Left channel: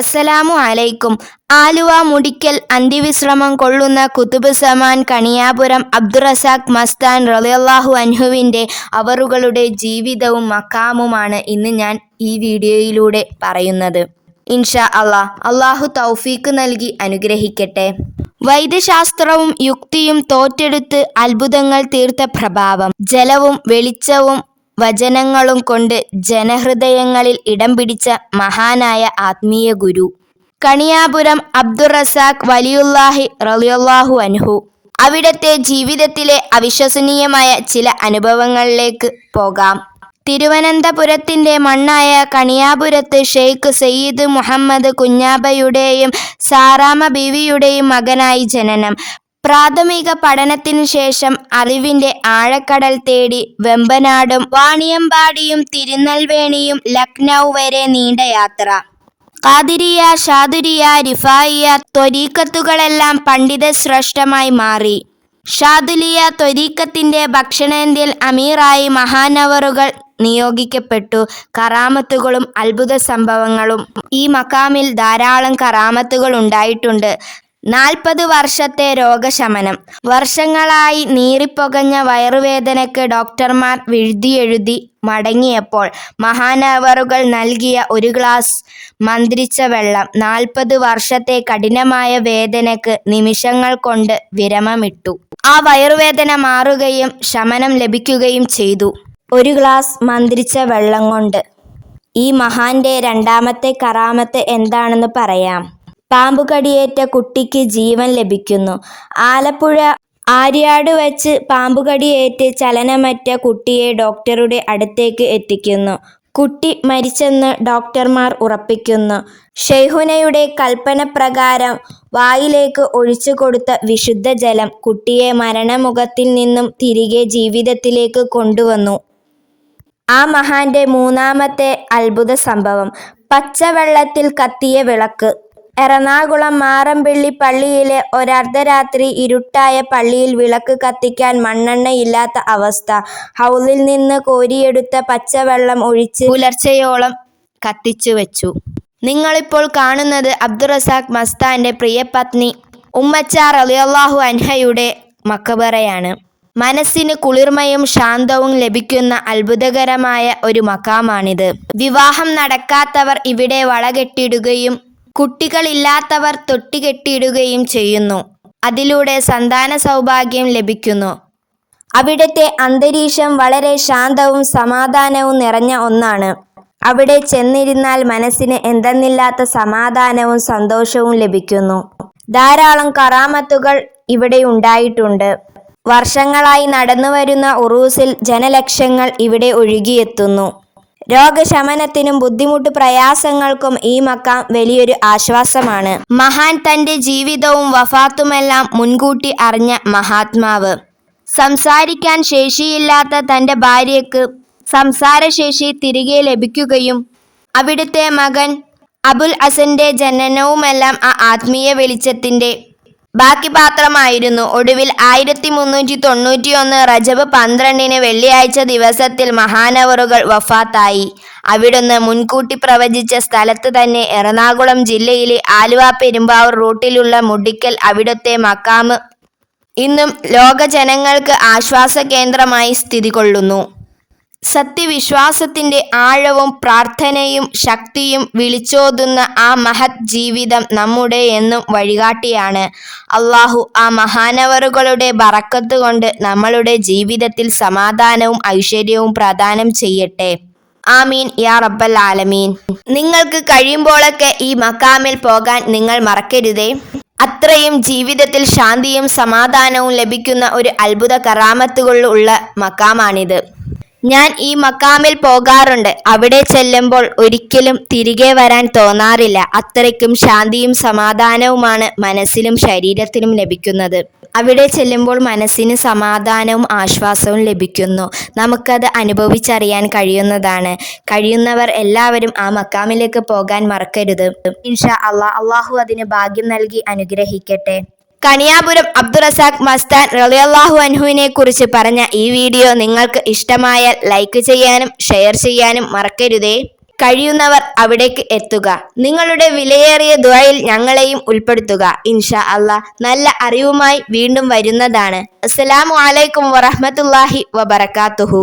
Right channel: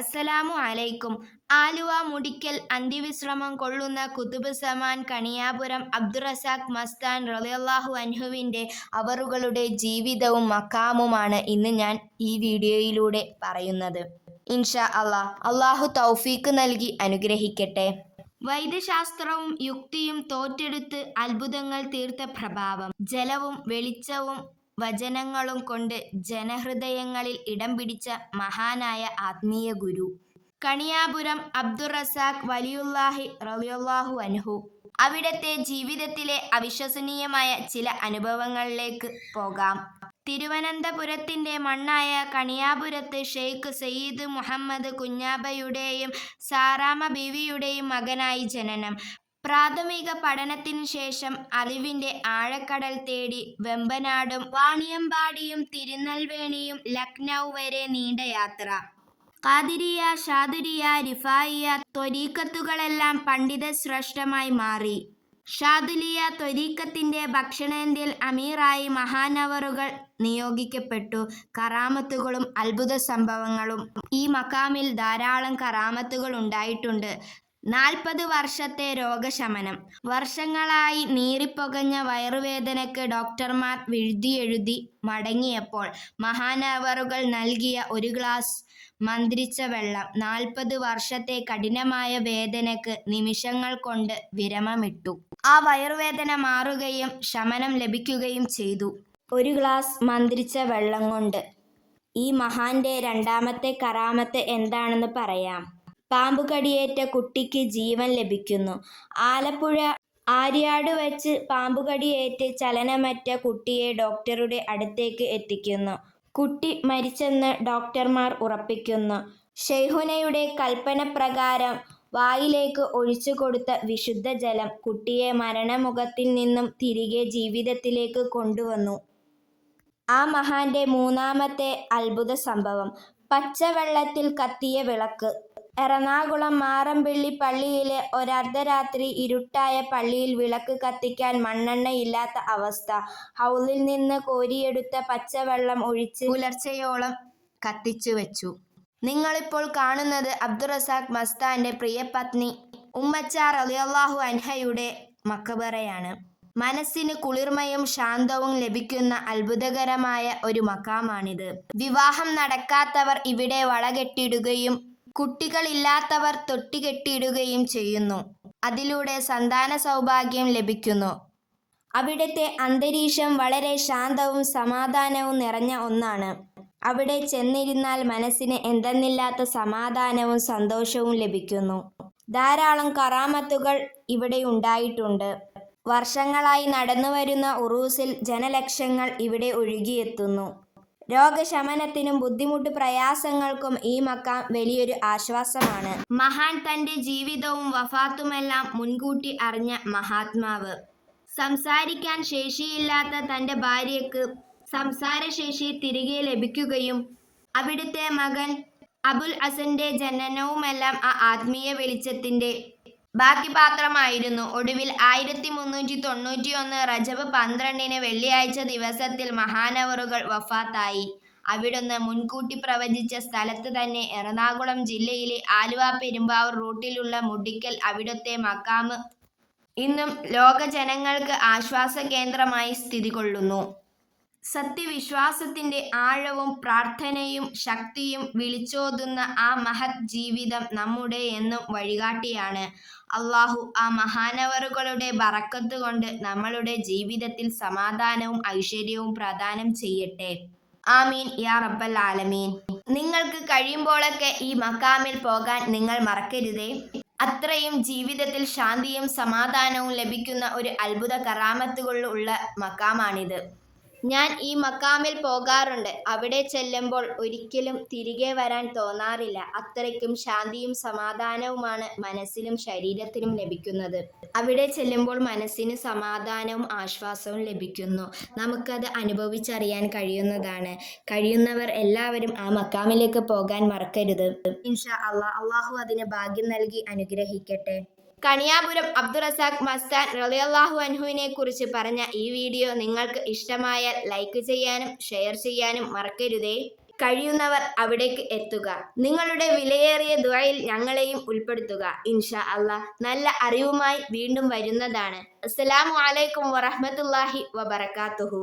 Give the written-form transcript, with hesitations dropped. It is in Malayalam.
അസ്സലാമു അലൈക്കും. ആലുവ മുടിക്കൽ അന്ത്യവിശ്രമം കൊള്ളുന്ന കുതുബ് സമാൻ കണിയാപുരം അബ്ദുറസാഖ് മസ്താൻ റളിയല്ലാഹു അൻഹുവിൻ്റെ അവറുകളുടെ ജീവിതവും മഖാമുമാണ് ഇന്ന് ഞാൻ ഈ വീഡിയോയിലൂടെ പറയുന്നത്. ഇൻഷാ അള്ളാഹു തൗഫീക്ക് നൽകി അനുഗ്രഹിക്കട്ടെ. വൈദ്യശാസ്ത്രവും യുക്തിയും തോറ്റെടുത്ത് അത്ഭുതങ്ങൾ തീർത്ത പ്രഭാവം, ജലവും വെളിച്ചവും വചനങ്ങളും കൊണ്ട് ജനഹൃദയങ്ങളിൽ ഇടം പിടിച്ച മഹാനായ ആത്മീയ ഗുരു കണിയാപുരം അബ്ദുറസാഖ് വലിയുല്ലാഹി റളിയല്ലാഹു അൻഹു. അവിടുത്തെ ജീവിതത്തിലെ അവിശ്വസനീയമായ ചില അനുഭവങ്ങളിലേക്ക് പോകാം. തിരുവനന്തപുരത്തിൻ്റെ മണ്ണായ കണിയാപുരത്ത് ഷെയ്ഖ് സയ്യിദ് മുഹമ്മദ് കുഞ്ഞാബയുടെയും സാറാമ ബീവിയുടെയും മകനായി ജനനം. പ്രാഥമിക പഠനത്തിനു ശേഷം അറിവിൻ്റെ ആഴക്കടൽ തേടി വെമ്പനാടും വാണിയമ്പാടിയും തിരുനെൽവേലിയും ലക്നൗ വരെ നീണ്ട യാത്ര. ഖാദിരിയ, ഷാദുരിയ, റിഫായിയ ത്വരീഖത്തുകളെല്ലാം പണ്ഡിത ശ്രേഷ്ഠമായി മാറി. ഷാദുലിയ ത്വരീഖത്തിൻ്റെ ദക്ഷിണേന്ത്യൻ അമീറായി മഹാനവറുകൾ നിയോഗിക്കപ്പെട്ടു. കറാമത്തുകളും അത്ഭുത സംഭവങ്ങളും. ഈ മഖാമിൽ ധാരാളം കറാമത്തുകൾ ഉണ്ടായിട്ടുണ്ട്. 40 വർഷത്തെ രോഗശമനം. വർഷങ്ങളായി നീറിപ്പൊകഞ്ഞ വയറുവേദനയ്ക്ക് ഡോക്ടർമാർ എഴുതി മടങ്ങിയപ്പോൾ മഹാനവറുകൾ നൽകിയ ഒരു ഗ്ലാസ് മന്ത്രിച്ച വെള്ളം 40 വർഷത്തെ കഠിനമായ വേദനയ്ക്ക് നിമിഷങ്ങൾ കൊണ്ട് വിരമമിട്ടു. ആ വയറുവേദന മാറുകയും ശമനം ലഭിക്കുകയും ചെയ്തു. ഒരു ഗ്ലാസ് മന്ത്രിച്ച വെള്ളം കൊണ്ട്. ഈ മഹാന്റെ രണ്ടാമത്തെ കറാമത്ത് എന്താണെന്ന് പറയാം. പാമ്പുകടിയേറ്റ കുട്ടിക്ക് ജീവൻ ലഭിക്കുന്നു. ആലപ്പുഴ ആര്യാട് വച്ച് പാമ്പുകടിയേറ്റ് ചലനമറ്റ കുട്ടിയെ ഡോക്ടറുടെ അടുത്തേക്ക് എത്തിക്കുന്നു. കുട്ടി മരിച്ചെന്ന് ഡോക്ടർമാർ ഉറപ്പിക്കുന്നു. ഷെയ്ഖുനയുടെ കൽപ്പനപ്രകാരം വായിലേക്ക് ഒഴിച്ചു കൊടുത്ത വിശുദ്ധ ജലം കുട്ടിയെ മരണമുഖത്തിൽ നിന്നും തിരികെ ജീവിതത്തിലേക്ക് കൊണ്ടുവന്നു. ആ മഹാന്റെ മൂന്നാമത്തെ അത്ഭുത സംഭവം, പച്ചവെള്ളത്തിൽ കത്തിയ വിളക്ക്. എറണാകുളം മാറമ്പിള്ളി പള്ളിയിലെ ഒരർദ്ധരാത്രി ഇരുട്ടായ പള്ളിയിൽ വിളക്ക് കത്തിക്കാൻ മണ്ണെണ്ണയില്ലാത്ത അവസ്ഥ. ഹൗലിൽ നിന്ന് കോരിയെടുത്ത പച്ചവെള്ളം ഒഴിച്ച് പുലർച്ചയോളം കത്തിച്ചു വെച്ചു. നിങ്ങളിപ്പോൾ കാണുന്നത് അബ്ദുറസാഖ് മസ്താന്റെ പ്രിയപത്നി ഉമ്മച്ച റളിയല്ലാഹു അൻഹയുടെ മഖബറയാണ്. മനസ്സിന് കുളിർമയും ശാന്തവും ലഭിക്കുന്ന അത്ഭുതകരമായ ഒരു മഖാമാണിത്. വിവാഹം നടക്കാത്തവർ ഇവിടെ വളകെട്ടിടുകയും കുട്ടികളില്ലാത്തവർ തൊട്ടികെട്ടിയിടുകയും ചെയ്യുന്നു. അതിലൂടെ സന്താന സൗഭാഗ്യം ലഭിക്കുന്നു. അവിടുത്തെ അന്തരീക്ഷം വളരെ ശാന്തവും സമാധാനവും നിറഞ്ഞ ഒന്നാണ്. അവിടെ ചെന്നിരുന്നാൽ മനസ്സിന് എന്തെന്നില്ലാത്ത സമാധാനവും സന്തോഷവും ലഭിക്കുന്നു. ധാരാളം കറാമത്തുകൾ ഇവിടെ ഉണ്ടായിട്ടുണ്ട്. വർഷങ്ങളായി നടന്നുവരുന്ന ഉറൂസിൽ ജനലക്ഷങ്ങൾ ഇവിടെ ഒഴുകിയെത്തുന്നു. രോഗശമനത്തിനും ബുദ്ധിമുട്ട് പ്രയാസങ്ങൾക്കും ഈ മഖാം വലിയൊരു ആശ്വാസമാണ്. മഹാൻ തൻ്റെ ജീവിതവും വഫാത്തുമെല്ലാം മുൻകൂട്ടി അറിഞ്ഞ മഹാത്മാവ്. സംസാരിക്കാൻ ശേഷിയില്ലാത്ത തൻ്റെ ഭാര്യയ്ക്ക് സംസാരശേഷി തിരികെ ലഭിക്കുകയും അവിടുത്തെ മകൻ അബുൽ ഹസന്റെ ജനനവുമെല്ലാം ആ ആത്മീയ വെളിച്ചത്തിൻ്റെ ബാക്കി പാത്രമായിരുന്നു. ഒടുവിൽ 1391 റജബ് 12 വെള്ളിയാഴ്ച ദിവസത്തിൽ മഹാനവറുകൾ വഫാത്തായി. അവിടുന്ന് മുൻകൂട്ടി പ്രവചിച്ച സ്ഥലത്ത് തന്നെ എറണാകുളം ജില്ലയിലെ ആലുവ പെരുമ്പാവൂർ റൂട്ടിലുള്ള മുടിക്കൽ അവിടുത്തെ മഖാമ് ഇന്നും ലോക ജനങ്ങൾക്ക് ആശ്വാസ കേന്ദ്രമായി സ്ഥിതി കൊള്ളുന്നു. സത്യവിശ്വാസത്തിൻ്റെ ആഴവും പ്രാർത്ഥനയും ശക്തിയും വിളിച്ചോതുന്ന ആ മഹത് ജീവിതം നമ്മുടെ എന്നും വഴികാട്ടിയാണ്. അള്ളാഹു ആ മഹാനവറുകളുടെ ബറക്കത്ത് കൊണ്ട് നമ്മളുടെ ജീവിതത്തിൽ സമാധാനവും ഐശ്വര്യവും പ്രദാനം ചെയ്യട്ടെ. ആമീൻ യാ റബ്ബൽ ആലമീൻ. നിങ്ങൾക്ക് കഴിയുമ്പോഴൊക്കെ ഈ മഖാമിൽ പോകാൻ നിങ്ങൾ മറക്കരുതേ. അത്രയും ജീവിതത്തിൽ ശാന്തിയും സമാധാനവും ലഭിക്കുന്ന ഒരു അത്ഭുത കറാമത്തുകൾ ഉള്ള മഖാമാണിത്. ഞാൻ ഈ മഖാമിൽ പോകാറുണ്ട്. അവിടെ ചെല്ലുമ്പോൾ ഒരിക്കലും തിരികെ വരാൻ തോന്നാറില്ല. അത്രയ്ക്കും ശാന്തിയും സമാധാനവുമാണ് മനസ്സിലും ശരീരത്തിനും ലഭിക്കുന്നത്. അവിടെ ചെല്ലുമ്പോൾ മനസ്സിന് സമാധാനവും ആശ്വാസവും ലഭിക്കുന്നു. നമുക്കത് അനുഭവിച്ചറിയാൻ കഴിയുന്നതാണ്. കഴിയുന്നവർ എല്ലാവരും ആ മഖാമിലേക്ക് പോകാൻ മറക്കരുത്. ഇൻഷാ അള്ളാഹു അതിന് ഭാഗ്യം നൽകി അനുഗ്രഹിക്കട്ടെ. കണിയാപുരം അബ്ദുറസാഖ് മസ്താൻ റളിയല്ലാഹു അൻഹുവിനെ കുറിച്ച് പറഞ്ഞ ഈ വീഡിയോ നിങ്ങൾക്ക് ഇഷ്ടമായാൽ ലൈക്ക് ചെയ്യാനും ഷെയർ ചെയ്യാനും മറക്കരുതേ. കഴിയുന്നവർ അവിടേക്ക് എത്തുക. നിങ്ങളുടെ വിലയേറിയ ദുആയിൽ ഞങ്ങളെയും ഉൾപ്പെടുത്തുക. ഇൻഷാ അല്ലാഹ് നല്ല അറിവുമായി വീണ്ടും വരുന്നതാണ്. അസ്സലാമു അലൈക്കും വറഹ്മത്തുള്ളാഹി വബറകാതുഹു.